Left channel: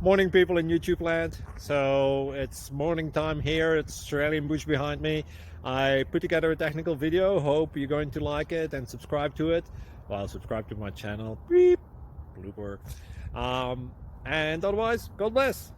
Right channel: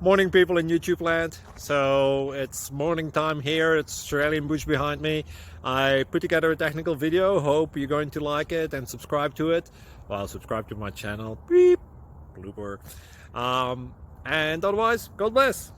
Morning, people in YouTube land. So it's morning time here. It's Australian bush behind me. I put together a technical video. Hope you're going to like it and subscribe to it. Well, subscribe to my channel. Beep. Blooper. And otherwise, God bless.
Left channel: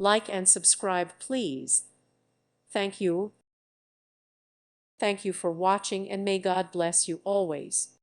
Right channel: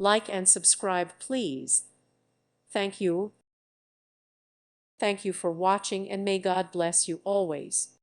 Like and subscribe, please. Thank you. Thank you for watching, and may God bless you always.